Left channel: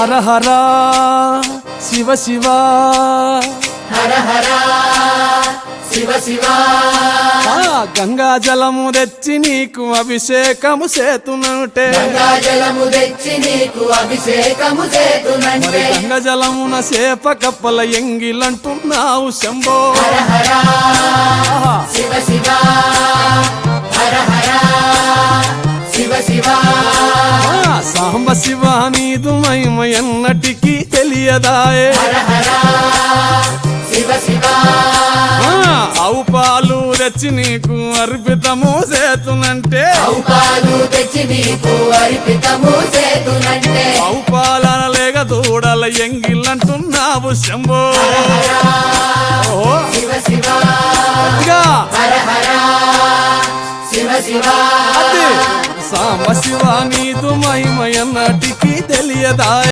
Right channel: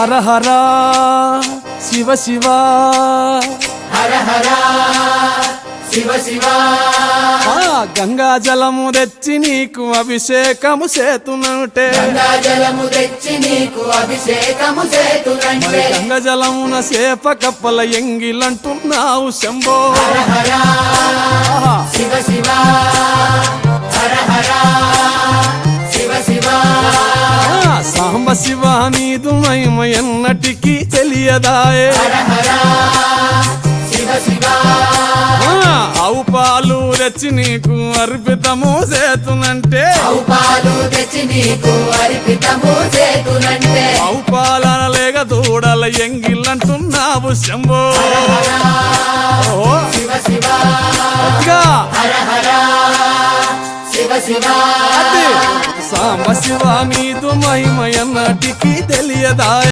హర హర శివ శివ హర హర శివ శివ గంగా జలము తెచ్చి నీకు అభిషేకము చేతునంటే గంగా జలము తెచ్చి నీకు అభిషేకము మరి చేతునంటే గంగ జలమున సేప కప్పల ఎంగిలంటున్నావు శంభో హర హర ఆహా. శివ శివ హర హర శివ శివ సాంబ శివ నీదు మహిమ ఎన్నటికీ తెలియదాయే హర హర శివ శివ ఆవు పాలు తెచ్చి నీకు అర్పితము చేతునంటే పాలు తెచ్చి నీకు అర్పితము చేతునంటే ఆవు పాలన లేక దూడల ఎంగిలంటున్నావు శంభో ఓహో శివ శివ గట్టిగా హర హర శివ శివ అది సాంబ శివ నీదు మహిమ ఎన్నటికీ తెలియదాయే